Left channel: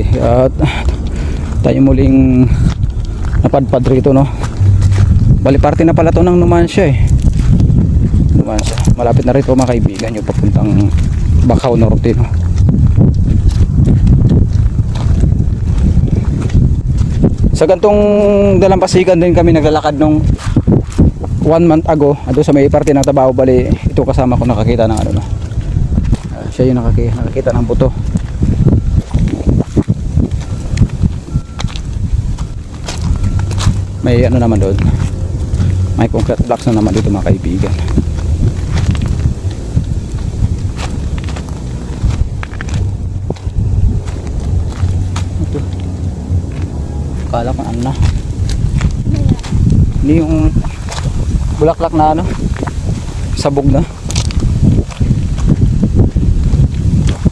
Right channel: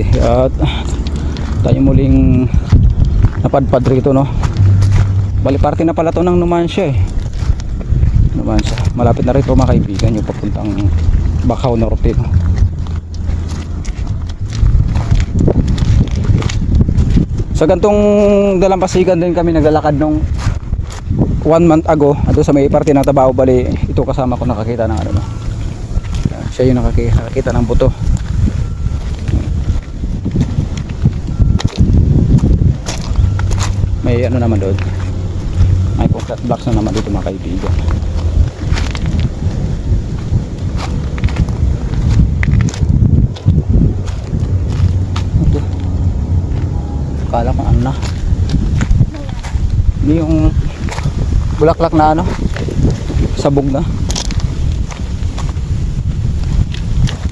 At tayo muling napadpad rito, no. Bali parte na pala to ng Numancia eh. Numancia, malapit na rito mga kaibigan, yung papuntang Bacau Norte, no? Sa gantong dalampasigan din kami naglalakad nung 1 month ago, ando sa may parte ng Tabao. Bali ito kasama ko nakakita ng ano, no. Siya yung nakakita ng buto. May ano naman doon, may concrete blocks na naman dito mga kaibigan. Ito, kala ko ano na, hindi yung bulaklak na ano, sabog na.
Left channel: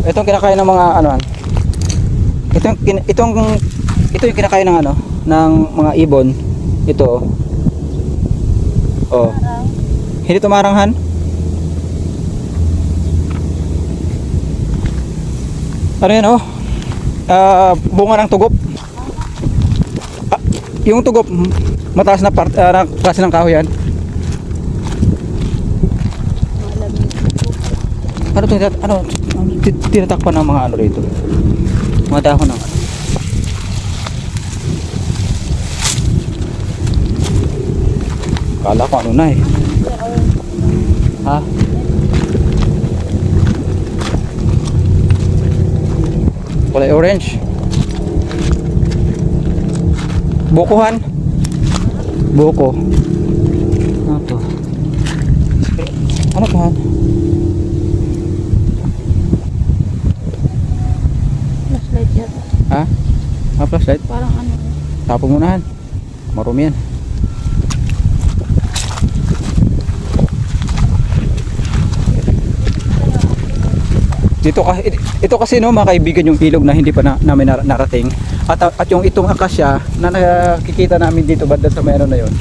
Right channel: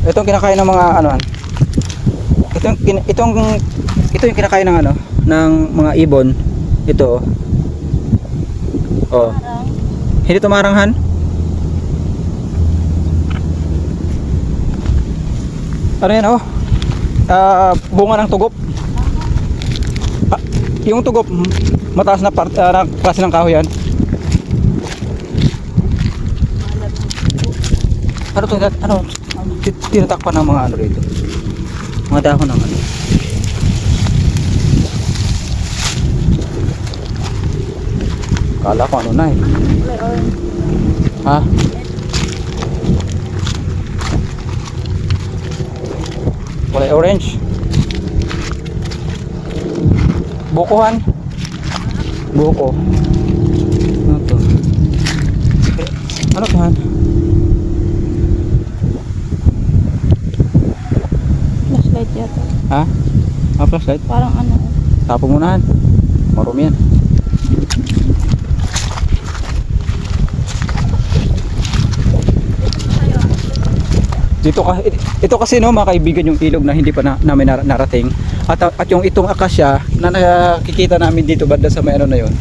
Itong kinakain ng mga ano, ito yung kinakain ng ano, ng mga ibon. Ito oh. Hindi tumaranghan. Ano yan oh? Bunga ng tugop. Yung tugop mataas na klase ng kahoy yan. Ano to? Ano? Tinatakpan ng mga ano rito? Mga dahon ng ano? Kala ko ano na eh. Ha? Kulay orange. Bukuhan. Buko. Ano to? Ano to han? Flashlight yata. Ha? Flashlight? Parang ano. Tapo mo na han. Marumi yan. Ito kasi no mga kaibigan, yung ilog na hindi pa namin narating, at yung itong akasya na nakikita namin dito banda sa may ano na yun,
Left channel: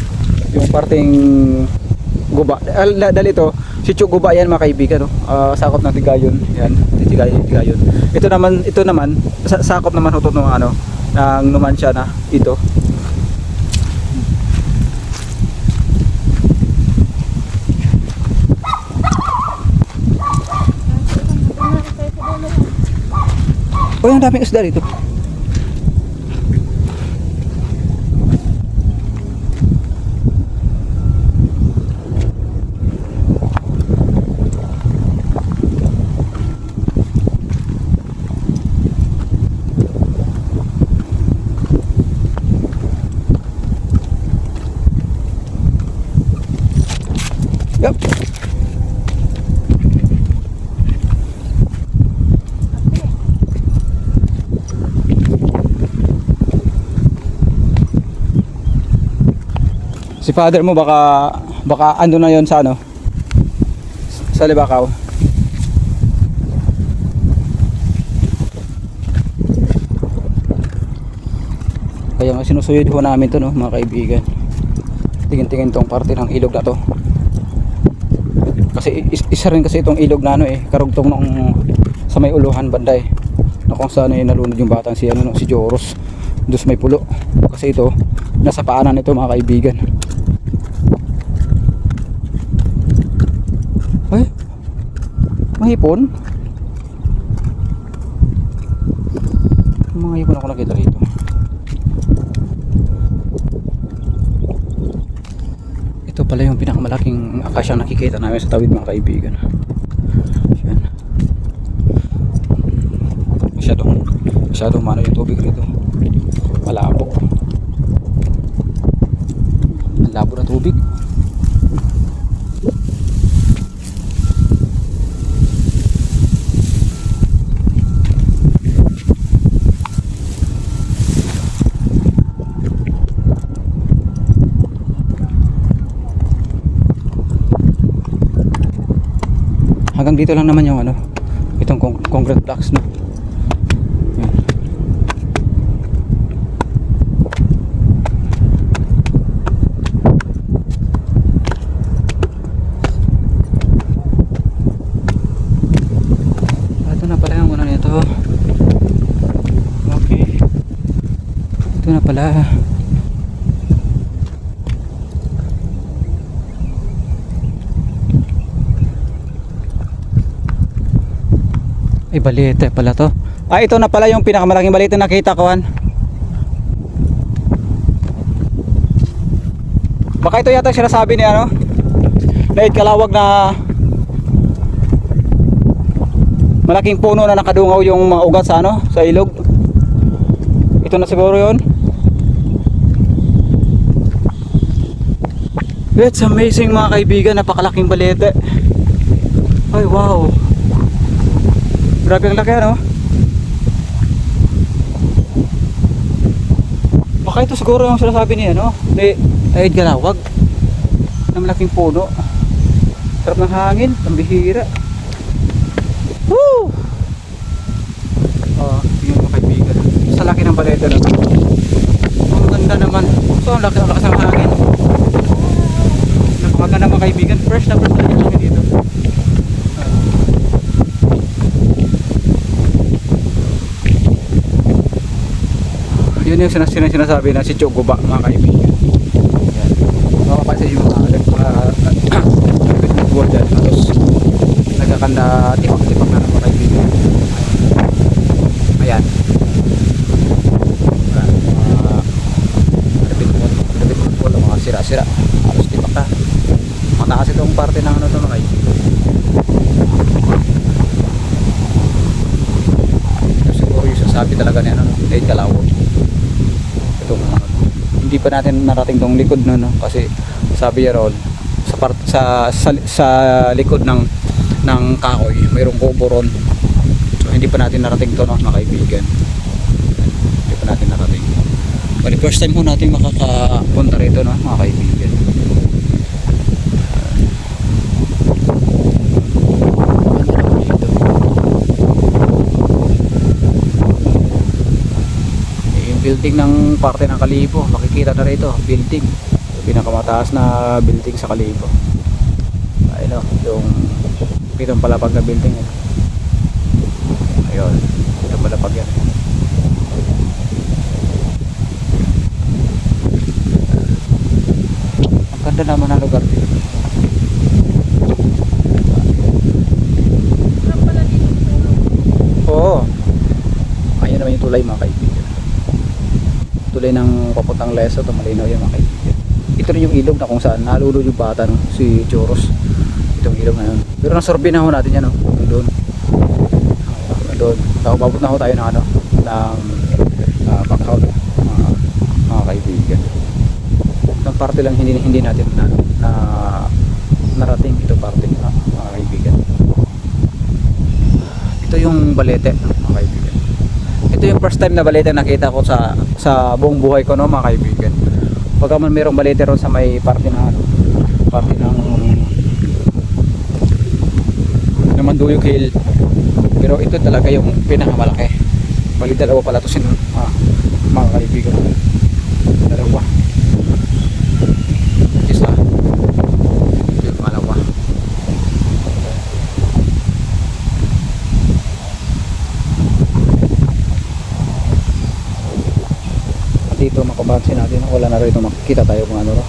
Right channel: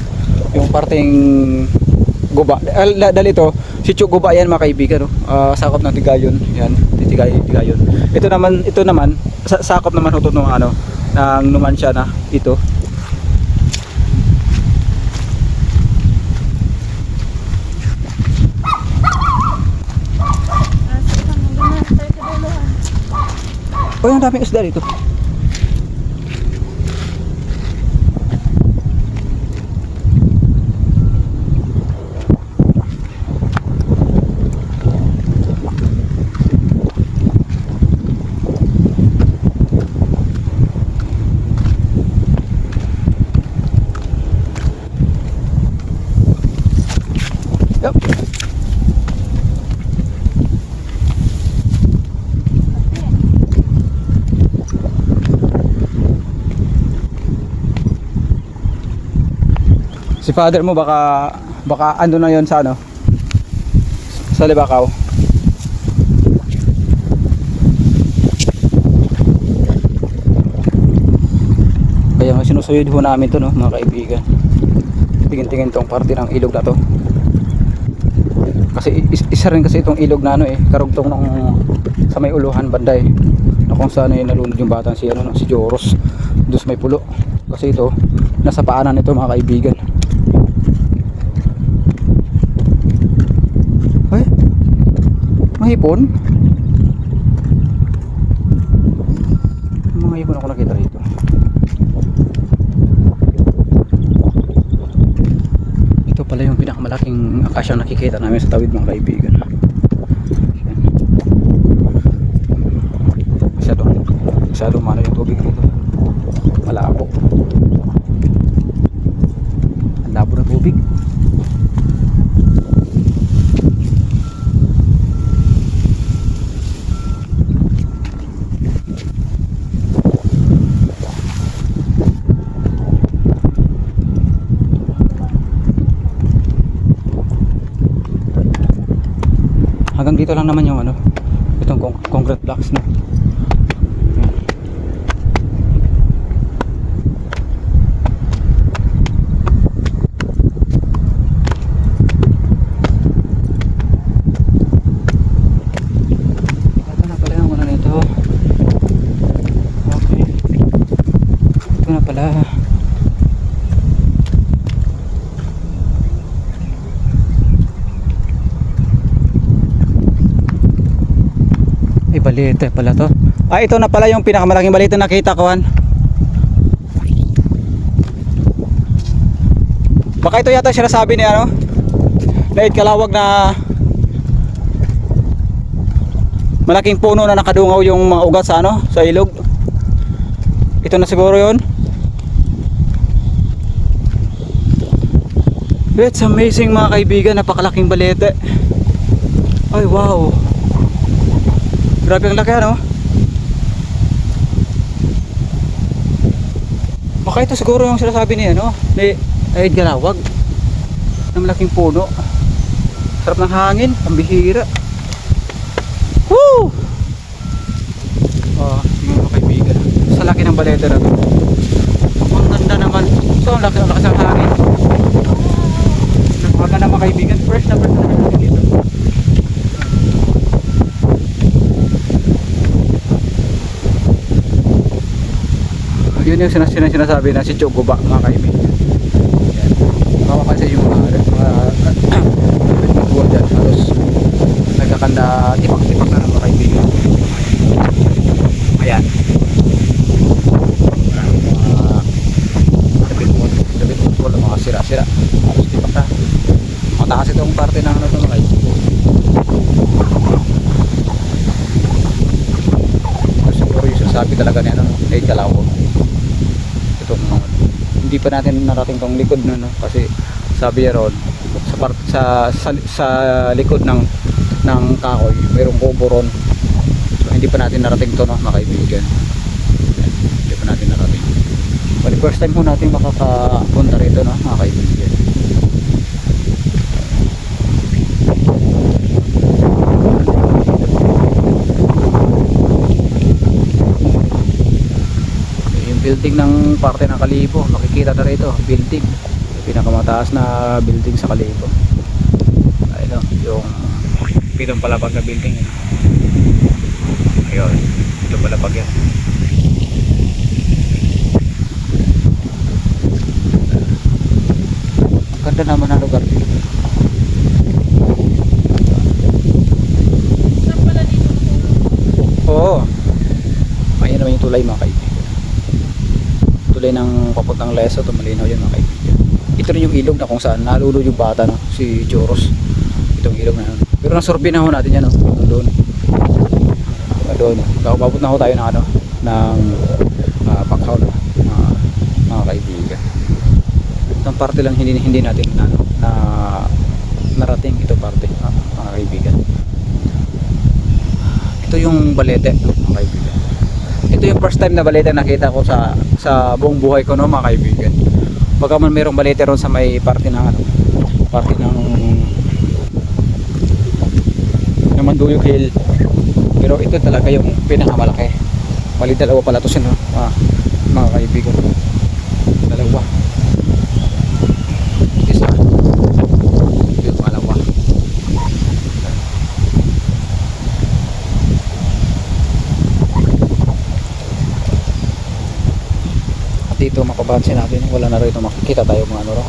yung parting guba, dahil ito sitio guba yan mga kaibigan, no? Sakop ng Tigayon yan, Tigayon. Ito naman sakop naman ito ng ano ng Numancia na ito. Oh, yung daming isda dito. Yup. Si father mo baka ando na yon sa ano, sa Libacao. Kaya sinusuyod ho namin to, no mga kaibigan. Tingin-tingin tong parte ng ilog na to. Kasi isa rin kasi itong ilog na ano eh, karugtong nung sa may uluhan banda eh, na kung saan ay nalunod yung batang si ano, si Joros. Doon may pulo. Kasi ito nasa paanan ito mga kaibigan. Ay, mahipon. Mga hipon ako nakita rito. Ito pala yung pinakamalaking akasyang nakikita namin sa tawid mga kaibigan. Yan. Masyadong mano yung tubig dito. Malabo. Ang labo ng tubig. Hanggang dito lang naman yung ano, itong concrete blocks na. Yan. Ito na pala yung ano nito. Okay. Ito na pala. Ay, balete pala to. Ah, ito na pala yung pinakamalaking balete na nakita ko, Han. Baka ito yata sinasabi ni ano, na kalawag na malaking puno na nakadungaw yung mga ugat sa ano, sa ilog. Ito na siguro yun. It's amazing mga kaibigan, napakalaking balete. Ay, wow. Grabe ang laki, ano? Baka ito siguro yung sinasabi niya, no? Ay, galawag na malaking puno. Sarap ng hangin, pambihira. Woo! Oh, tingnan mo kaibigan. Sa laki ng balete na to. Ang ganda naman. So, ang laki ng hangin. Napakaganda mga kaibigan. Fresh na fresh na dito. Yun yung sinasabi na si Chogoba mga kaibigan. Ayan. Makapansin yung mga buwan dyan halos nagkakanda tipak-tipak na mga kaibigan. Ayan. Mga sira-sira halos tipak na. Mataas itong parte ng ano ito mga kaibigan. Ito siguro yung sinasabi talaga niya ay kalawag. Hindi pa natin narating tong likod no, kasi sabi niya ron sa likod ng kahoy mayroong kubo ron, so hindi pa natin narating to no, mga kaibigan. Ayan, hindi pa natin narating. Kaya first time po natin makakapunta rito no, mga kaibigan. Building ng parte ng Kalibo, makikita na rito, building, yung pinakamataas na building sa Kalibo. Ayun o, yung pitong palapag na building yun. Ayun, pitong palapag yan. Ang ganda naman ng lugar dito. Oo, ayun naman yung tulay mga kaibigan. Tulay ng papuntang Leso, ito malinaw yun mga kaibigan. Ito rin yung ilog na kung saan nalulod yung bata no? Si Choros. Itong ilog na yun. Pero nasorbi na ho natin yan no? Doon. Doon. Kakababot na ho tayo ng ano, ng Bakhaw no? Mga kaibigan. Itong parte lang hindi natin na narating ito parte mga kaibigan. Ito yung balete mga kaibigan. Ito yung first time na balete nakita ko sa buong buhay ko no mga kaibigan. Pagka man mayroong balete ron sa may parte ng Manduyog Hill. Pero ito talaga yung pinakamalaki. Bali dalawa pala to sino mga kaibigan. Dalawa. Isa. Ito yung pangalawa. Dito makabansin natin wala na rito makikita tayo mga ano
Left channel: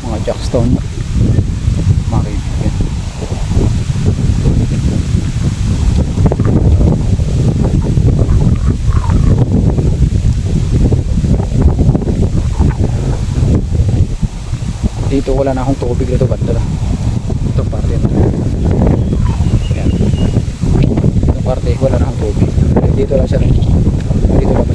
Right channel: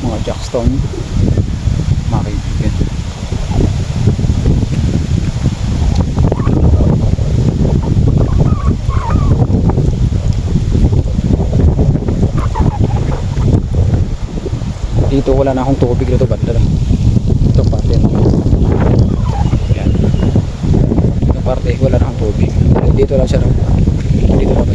mga jackstone mga kaibigan. Dito wala na akong tubig dito banda itong parte yan. Itong parte wala na akong tubig dito lang siya dito lang